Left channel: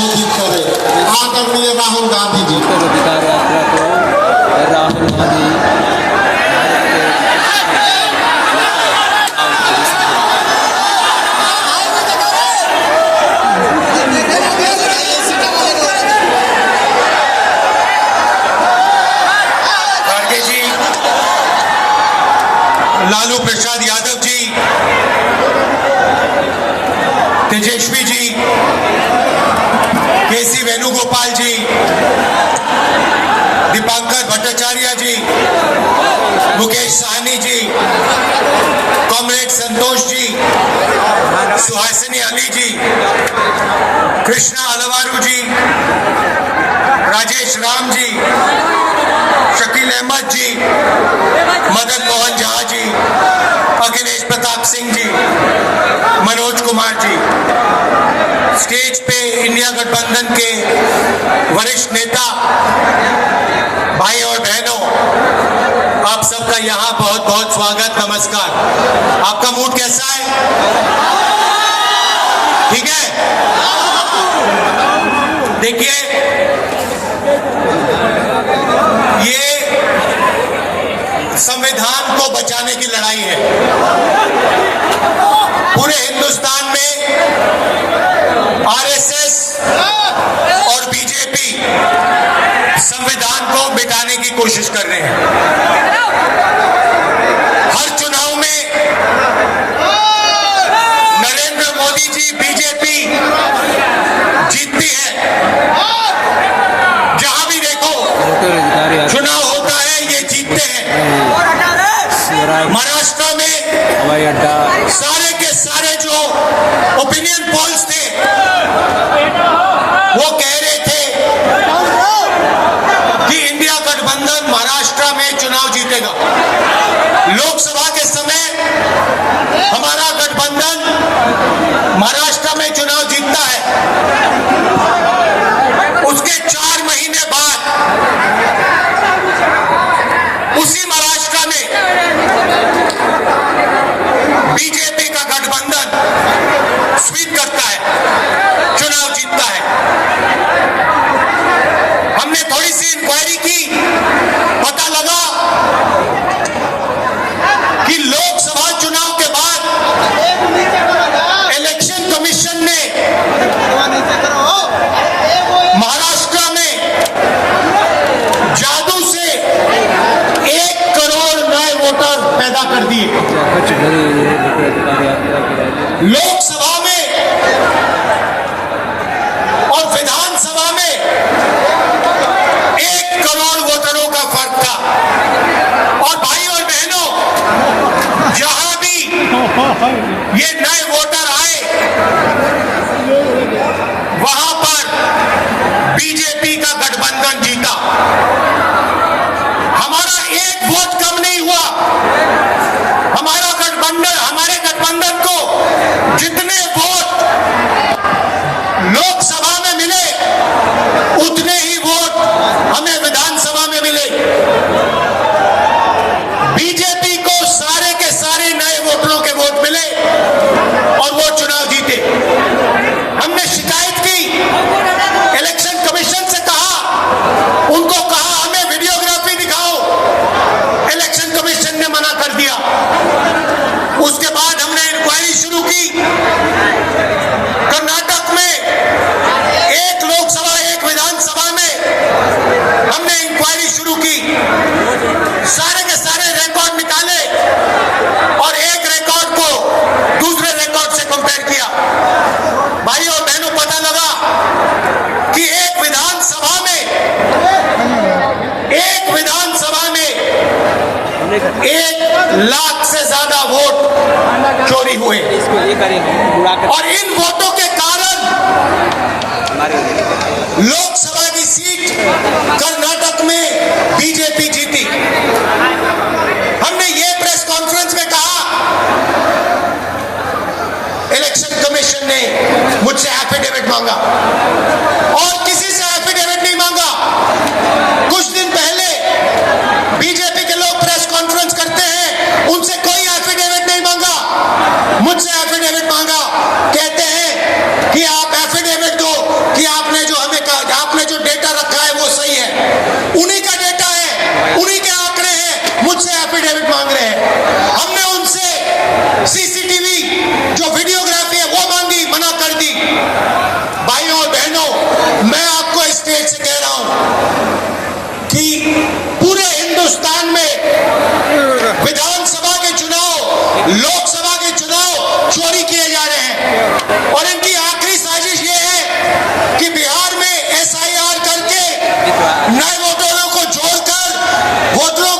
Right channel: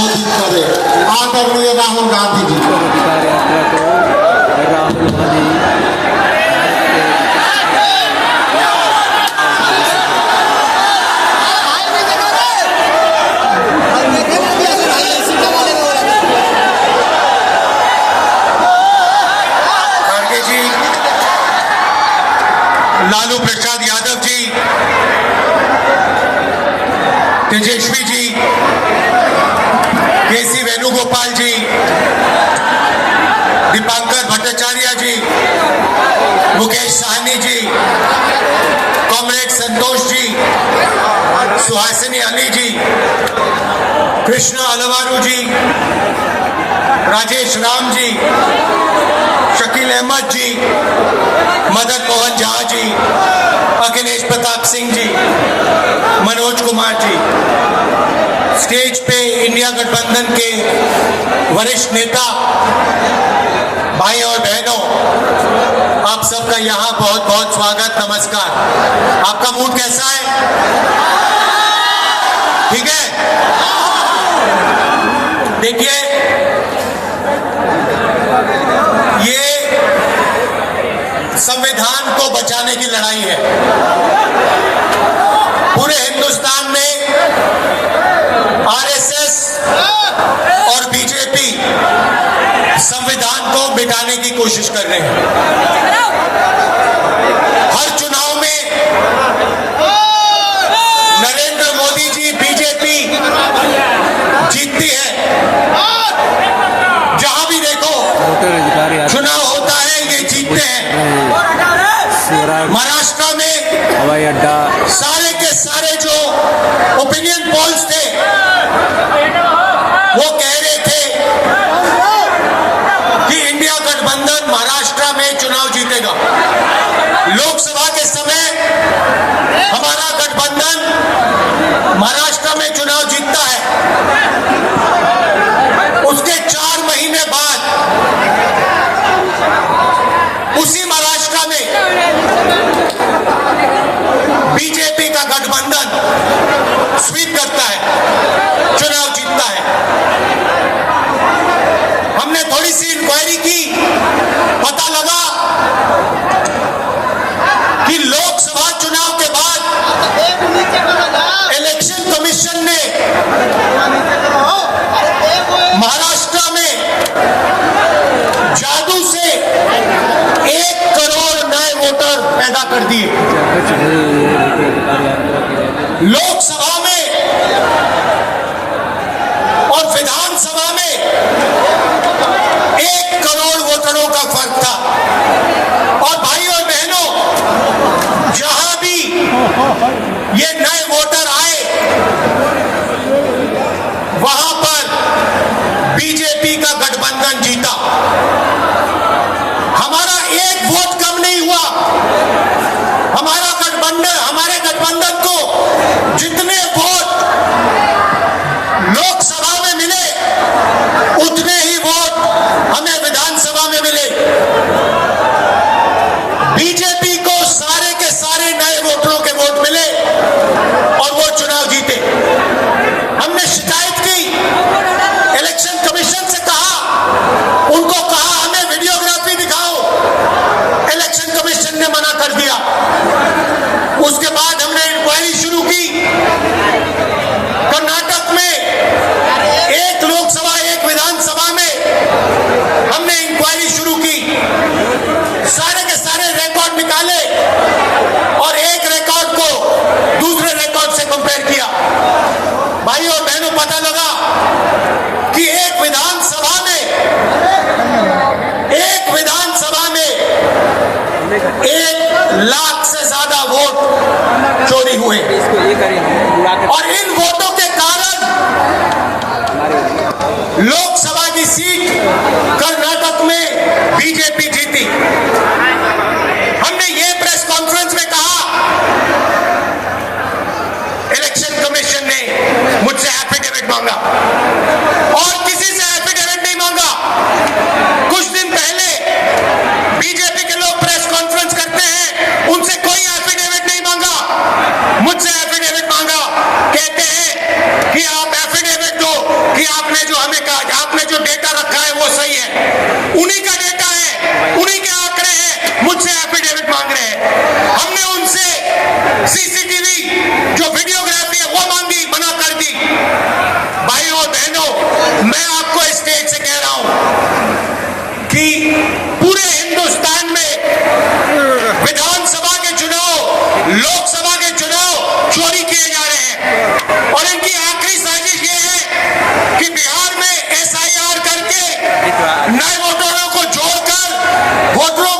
संबोधित करे। आदरणीय राहुल गांधी जी। उत्तर अधिकार यात्रा को राहुल गांधी खड़गे जी, लालू प्रसाद यादव जी, तेजस्वी जी, केसी वेणुगोपाल जी, दीपांकर भट्टाचार्य जी, मुकेश साहनी जी, कॉमरेड संतोष जी, सुहासिनी अली जी, कृष्णा अलवारू जी, राजेश राम जी, शकील अहमद जी, मदन मोहन झा जी, अखिलेश प्रताप सिंह जी, मनोज कुमार जी, स्टेज पे इंडिया गठबंधन के वरिष्ठ नेता भाई और बहनों, आप सबका यहाँ बहुत बहुत स्वागत, नमस्कार। आपका मूड कैसा है? ठीक है? देखिए, ये संविधान को बचाने की लड़ाई है। पूरे हिंदुस्तान में आरएसएस और बीजेपी संविधान को मिटाने की कोशिश कर रहे हैं। हर चुनाव में नरेंद्र मोदी जी बीजेपी जीतती है। जहां भी देखो वोटर अधिकार यात्रा चुनाव होता है, ये जीतते हैं। महाराष्ट्र में हवाई अड्डा सारे के सारे जो ओपिनियन पोल्स थे वो कह रहे थे कि इंडिया गठबंधन महाराष्ट्र में चुनाव जीतेगा। लोकसभा के समय हमारा गठबंधन महाराष्ट्र में चुनाव जीतता है। उसके 4 महीने बाद उसी महाराष्ट्र में बीजेपी का गठबंधन स्वीप करता है, चुनाव जीतता है। हमने थोड़ी सी इंक्वायरी की, पता लगा कि लोकसभा चुनाव के बाद इलेक्शन कमीशन ने महाराष्ट्र में जादू से 1 करोड़ नए वोटर पैदा कर दिए। वोटर अधिकार यात्रा की रैली लोकसभा में और विधानसभा में 1 करोड़ वोटरों का फर्क था। और भाई और बहनों, जहां भी ये नए वोटर आए, वहां पर बीजेपी का गठबंधन जीता। हमारा 1 वोट कम नहीं हुआ। हमारे गठबंधन को जितने वोट लोकसभा में मिले, उतने ही वोट हमें विधानसभा में मिले। बीजेपी को सारे के सारे नए वोटरों के वोट मिले और वो चुनाव जीते। हमने शिकायत की, इलेक्शन कमीशन से कहा, उनको कहा हमें वीडियोग्राफी दिखाओ, इलेक्शन कमीशन ने मना कर दिया। उसके बाद हमने इंक्वायरी शुरू की। कर्नाटक में 1 लोकसभा 1 विधानसभा में हमने इंक्वायरी शुरू की। सारे के सारे रिकॉर्ड निकाले और एक रिकॉर्ड को दूसरे रिकॉर्ड से कंपेयर किया। भाइयों और बहनों, पता लगा कि एक विधानसभा में 1 लाख से ज्यादा वोट चोरी हुए। इसको ये करें हम उड़ा कर और इन वोटों के कारण लोकसभा की सीट कर्नाटक में बीजेपी जीती। हमने ये प्रेस कॉन्फ्रेंस में कहा, इलेक्शन कमीशन ने मुझसे एफिडेविट मांगा और किसी से एफिडेविट नहीं मांगा। कुछ दिन पहले बीजेपी के लोग प्रेस कॉन्फ्रेंस करते हैं, उनसे कोई एफिडेविट नहीं मांगा, मुझसे एफिडेविट मांगा। कहते हैं कि आप एफिडेविट दो कि आपने विधानसभा के चुनाव, लोकसभा के चुनाव चोरी किए जा रहे हैं और इनकी आखिरी साजिश ये है कि बिहार में SIR करके नए वोटरों को जोड़कर वोटरों